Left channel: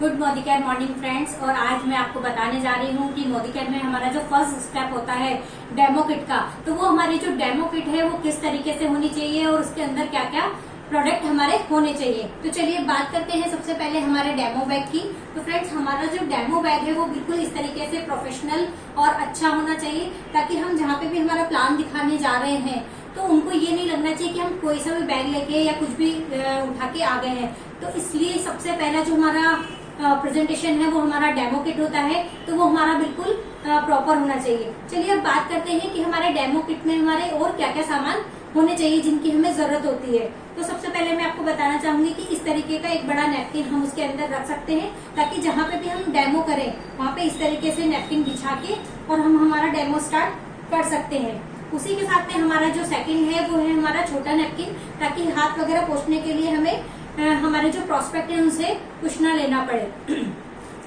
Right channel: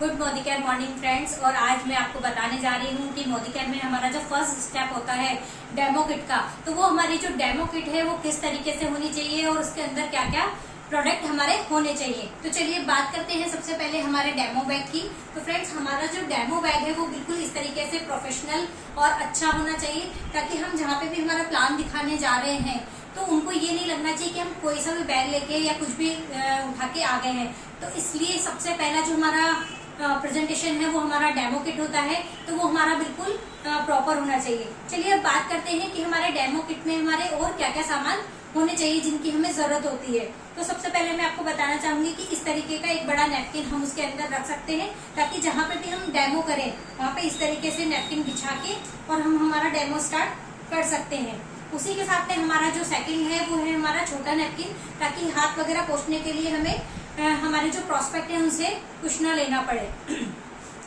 Good Modi care morning friends. और आज मैं आपको बताने जा रही हूँ कि मोदी केयर में हमारा जो फर्स्ट स्टेप होता है डेमो किट का, तो वो हमारी जो डेमो किट है वो किस तरीके से होनी चाहिए और उसके अंदर क्या क्या प्रोडक्ट हमारे होने चाहिए। तो चलिए बात करते हैं सबसे पहले हमारे डेमो बैग की। तो फ्रेंड्स, हमारा जो डेमो बैग है वो बिल्कुल इस तरीके से प्रोफेशनल और अच्छा होना चाहिए, ताकि हम जहाँ पे भी हमारा प्लान दिखाने जा रहे हैं तो उनको ये नहीं लगना चाहिए कि हम कोई सा भी बैग लेके या कुछ भी उठा के आ गए हैं। तो इसलिए सबसे पहला जो हमारा प्रेजेंटेशन है वो हमारा डेमो किट होता है, तो वो हमारा बिल्कुल प्रॉपर होना चाहिए। चलिए अब बात करते हैं कि हमारे डेमो किट में हमारे और क्या क्या सामान होने चाहिए जिनकी हमें जरूरत होती है। तो सबसे पहले मैं आपको बताना चाहूंगी कि इस तरीके का एक बड़ा नैपकिन हम उसके अंदर रख सकते हैं, ताकि जहाँ पे भी हम डेमो करें वहाँ पे इस तरीके से नैपकिन बिछा के और हम हमारा डेमो स्टार्ट कर सकते हैं। उसी के साथ में हमारा जो सेकंड है वो है हमारा छोटा नैपकिन, ताकि हाथ वगैरह पोंछने के लिए हमें हमारे जो प्रोस्पेक्ट है उनसे कुछ ना लेना पड़े।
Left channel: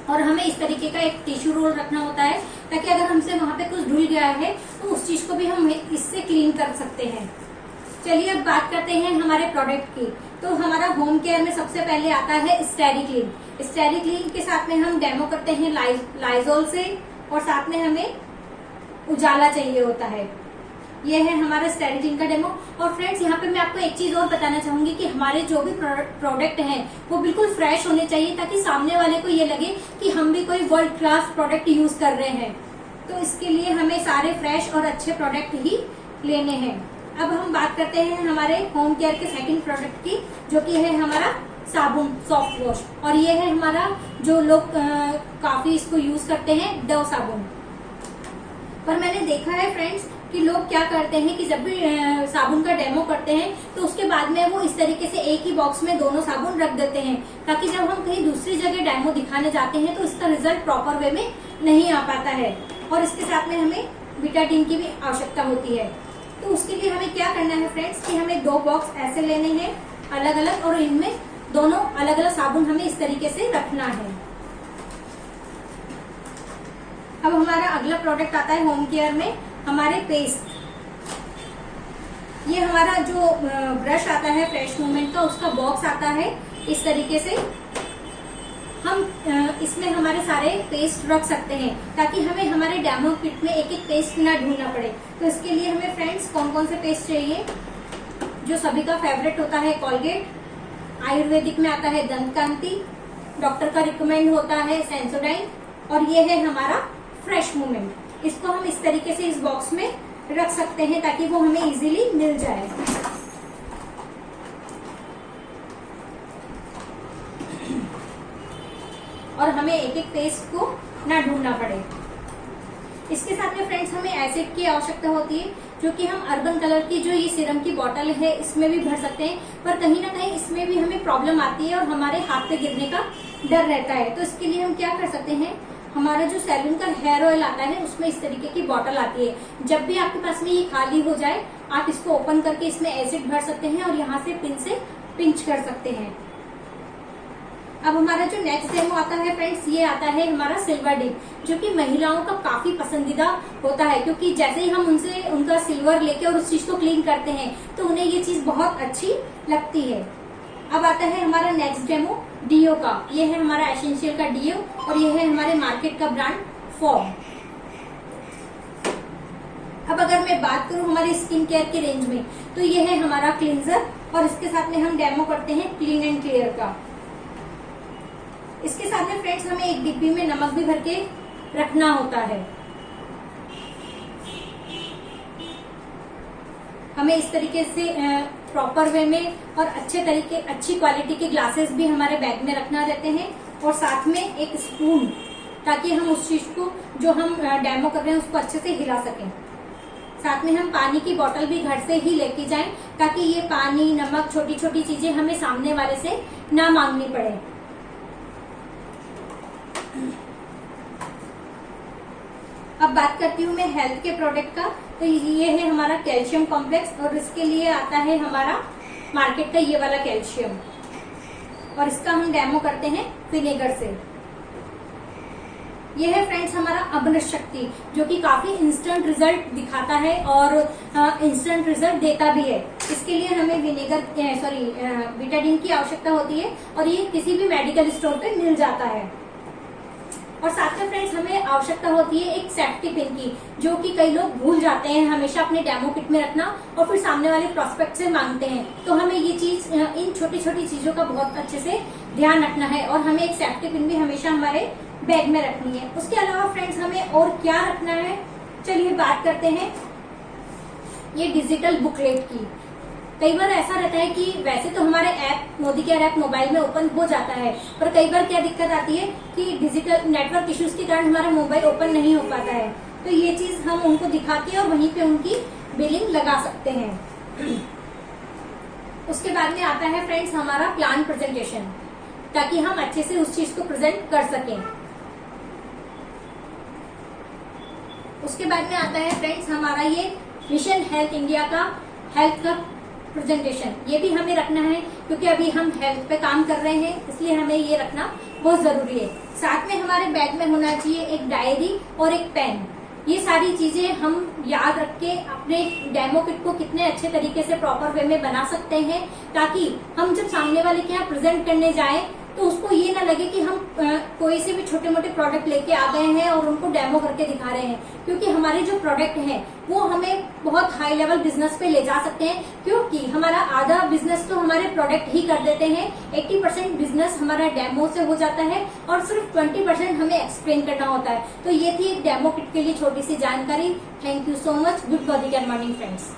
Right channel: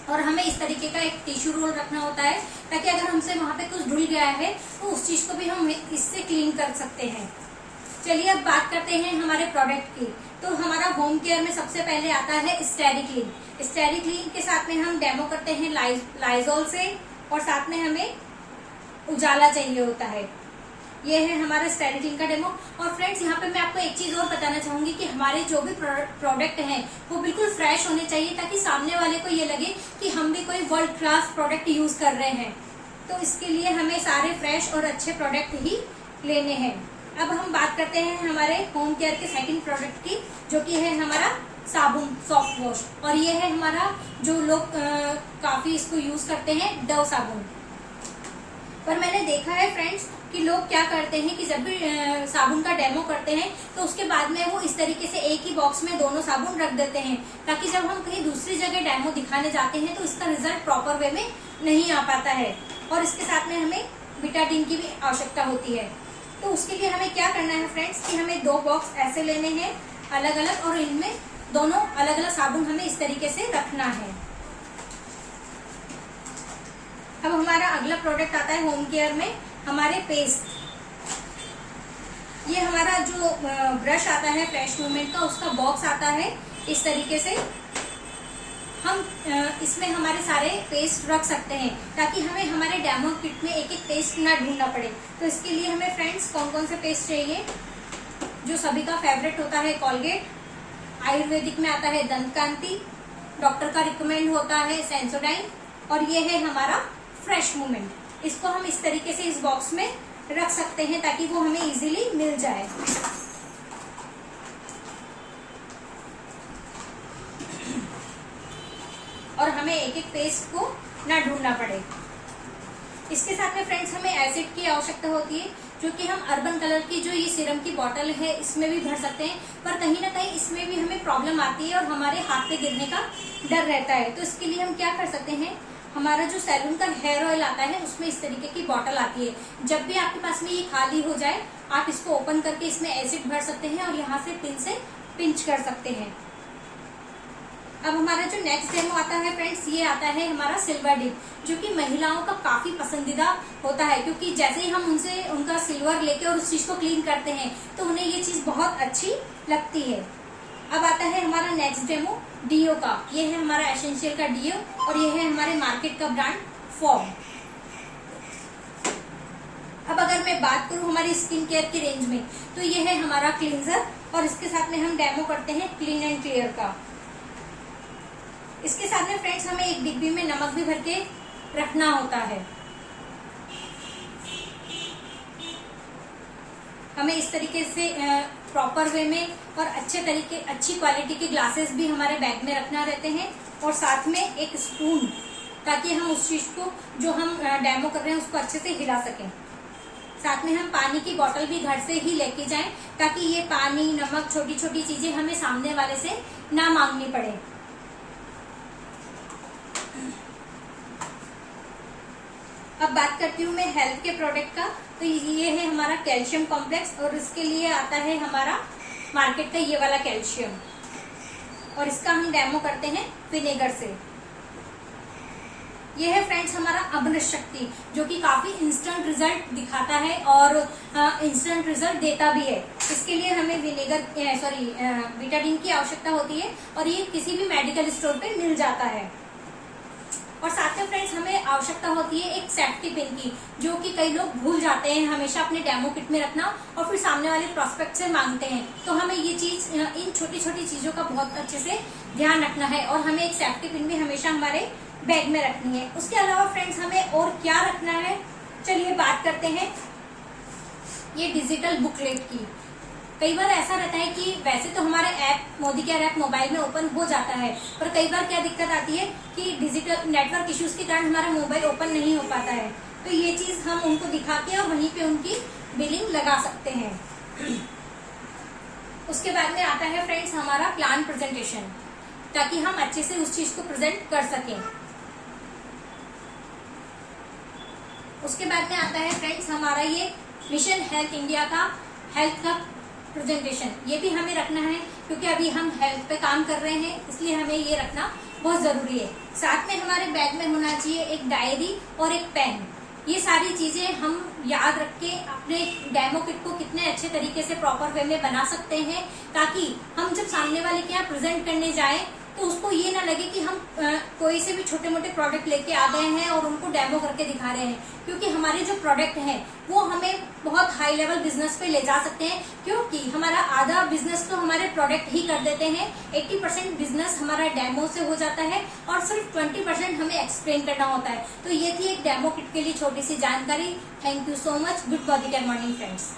और हमें इस तरीके का एक टिश्यू रोल रखना होता है, ताकि अगर हमसे वहां पे कुछ धुल गया है तो उस चीज को भी हम इससे क्लीन कर सकते हैं। चलिए अब बात करते हैं हमारे प्रोडक्ट की। तो हमारा होम केयर में सबसे पहले आता है स्टेरिक्लीन। स्टेरिक्लीन के साथ में हम डेमो करते हैं लाइजोल से, और साथ में हमें उजाला चाहिए होता है। ये है हमारा स्टेरिक्लीन का डेमो। और फ्रेंड्स, यहाँ पे मैं आपको एक चीज और बताना चाहूंगी कि हमारे जो भी प्रोडक्ट हैं वो बिल्कुल फ्रेश होने चाहिए, ताकि सामने वाले को ये लगे कि हम भी कोई वर्ल्ड क्लास प्रोडक्ट यूज कर रहे हैं। तो इसके लिए हमें सारे फ्रेश और अच्छे प्रोडक्ट ही लेने हैं। अब हम बात करते हैं हमारे होम केयर के सेकंड प्रोडक्ट की, जो कि है हमारा साबुन सॉफ्ट वॉश। और ये है हमारा जो लोग काफी इसको यूज करते हैं, डव साबुन। पर मैंने देखा है फ्रेंड्स कि लोग क्या करते हैं कि जब भी साबुन का डेमो करते हैं तो उसके बाद में वो इस तरीके से एक ही बॉक्स में दोनों साबुन रख देते हैं, ताकि जब हम कहीं दूसरी जगह डेमो दिखाने जाते हैं तो इसका रिजल्ट प्रॉपर वे में नहीं आ पाता है। और इसके साथ में हमें बीटाडीन की भी आवश्यकता होती है। तो उसके लिए हमें क्या करना है फ्रेंड्स कि हमें 2 बॉक्स ऐसे लेने हैं अलग अलग, और इनमें दोनों अलग अलग साबुन हमें इस तरीके से रखना है। अब हमारा अगला प्रोडक्ट आता है होम केयर में हमारे पेस्ट। ये हमारा जो ब्रश आता है फ्रेश मूवमेंट का, उसका बॉक्स आता है इस तरीके से। हम इसमें हमारे सारे पेस्ट रख सकते हैं, ताकि हमें हमारे डेमो किट में एक एक पेस्ट ना ढूंढना पड़े। तो इसके लिए हमें फ्रेंड्स कौन कौन से पेस्ट चाहिए, जो सभी का फेवरेट होता है कोलगेट, आयुर्वेदिक में आता है दंतकांति, डॉक्टर का रिकमेंड होता है सेंसोडाइन, और ये है हमारा फ्रेश मूवमेंट। इसको हम इस तरीके से इस बॉक्स में रख सकते हैं, ताकि वो हमें इजीली मिल जाए। और हमें एक एक पेस्ट को ना ढूंढना पड़े। इसके साथ में फ्रेंड्स हमें एसिड की आवश्यकता होती है, जो कि हम अर्बन कलर की जो ये सीरम की बोतल है इसमें भी भर सकते हैं, पर कहीं ना कहीं इसमें भी हमें प्रॉब्लम आती है और हमारे हाथ पे गिरने का डर रहता है। तो इसके लिए हम क्या कर सकते हैं, हमारा जो सैलून का हेयर ऑयल आता है उसमें इस तरीके की बोतल आती है। जब भी आपके पास में ये खाली हो जाए, आप इसको ओपन करके इसमें एसिड भर सकते हैं और यहाँ से पिन से पिंच कर सकते हैं। अब हमारा जो नेक्स्ट डेमो आता है फ्रेंड्स, ये आता है हमारा सिल्वर डिप, जो कि महिलाओं का काफी पसंदीदा होता है, क्योंकि जैसे ही हम उनसे उनका सिल्वर लेके और उस चीज को क्लीन करते हैं तो उन्हें ये चीज बहुत अच्छी लगती है। अब आता है हमारा नेक्स्ट डेमो डीओ का। ये है हमारा एसेंशियल का डीओ, और ये है हमारे मार्केट का ब्रांड फॉर्म। अब अगर मैं बात करूं हमारी स्किन केयर की रेंज में, तो ये है हमारा क्लींजर, और इसके साथ में हम डेमो करते हैं क्लीन एंड क्लियर का। इसके साथ में फ्रेंड्स हमें एक डिब्बी में नमक भी भर के रखना होता है। हमें इस तरीके से प्रॉपर वे में और अच्छी क्वालिटी के ग्लासेस भी हमारे बैग में रखना रहते हैं, और साथ में एक स्पून, ताकि हम उस चीज को जो हम डेमो कर रहे हैं उसको अच्छे से हिला सकें। साथ में हम पानी की बोतल भी घर से ही लेके जाएं, ताकि ये पानी, नमक, छोटी छोटी चीजें हमें सामने वाले से ना मांगनी पड़े। अब बात करती हूँ मैं हेल्थ के प्रोडक्ट का। तो ये है हमारा कैल्शियम कॉम्प्लेक्स, और इसके लिए आता है हमारा मार्केट का ये वाला कैल्शियम, और इसका हम डेमो करते हैं विनेगर से। ये है फ्रेंड्स हमारा अभ्रंश शक्ति, जो कि काफी इंस्टेंट रिजल्ट दिखाता है और इंस्टेंट रिजल्ट देता भी है। इसके लिए हमें बीटाडीन की आवश्यकता होती है और ये किसी भी मेडिकल स्टोर पे मिल जाता है। और साथ में फ्रेंड्स हमें आवश्यकता होती है एक सेफ्टी पिन की, जो कि कई लोग भूल जाते हैं हमेशा अपने डेमो किट में रखना और फिर सामने वाले प्रोस्पेक्ट से मांगते हैं। तो हमें ये चीज, इन छोटी छोटी चीजों का बहुत अच्छे से ध्यान रखना है और हमें एक सेफ्टी पिन भी हमेशा हमारे बैग में रखनी है। उसके अलावा फ्रेंड्स हमें और क्या रखना है, चलिए बात करते हैं ये डिजिटल बुकलेट की। कई बार ऐसा रहता है कि वैसे तो हमारे app Modi care app mobile में ओपन हो जाता है, पर कई बार क्या दिक्कत आती है कि डिजिटल नेटवर्क इश्यूज के कारण हमारा मोबाइल ओपन नहीं हो पाता है। तो ये चीज हम उनको दिखा के और वहीं पे उनकी बिलिंग लगा सकते हैं। उसके बाद में आता है फ्रेंड्स हमारा प्लान प्रेजेंटेशन, ताकि हम अच्छे से उस चीज को प्रेजेंट कर सकें। उसके बाद में आता है फ्रेंड्स हमारा ये मिशन हेल्थ इंडिया का हेल्थ का प्रेजेंटेशन। ये भी हमें रखना है क्योंकि अभी हम हेल्थ पे काम कर रहे हैं, इसलिए हमें ये रखना बहुत जरूरी है। साथ में हमारे बैग में होना चाहिए एक डायरी और एक पेन। ये सारी चीजें हम याद रख के अपने डेमो किट को कितने अच्छे तरीके से प्रॉपर वे में बना सकते हैं, ताकि हम जब सामने वाले के यहाँ प्रेजेंट करने जाए तो उसको ये ना लगे कि हम कोई से भी छोटे मोटे प्रोडक्ट लेके आ गए हैं और उनको डेमो करके दिखा रहे हैं। क्योंकि हमारे जो प्रोडक्ट हैं वो हमें बहुत हाई लेवल बिजनेस पे ले जा सकते हैं, क्योंकि हमारा आधा बिजनेस तो हमारे प्रोडक्ट ही कर देते हैं। 80% बिजनेस हमारा डेमो से हो जाता है और सिर्फ 20% हमें एक्सप्लेन करना होता है। तो ये थी एक डेमो किट के लिए छोटी सी जानकारी। Thank you so much. Good body care morning friends.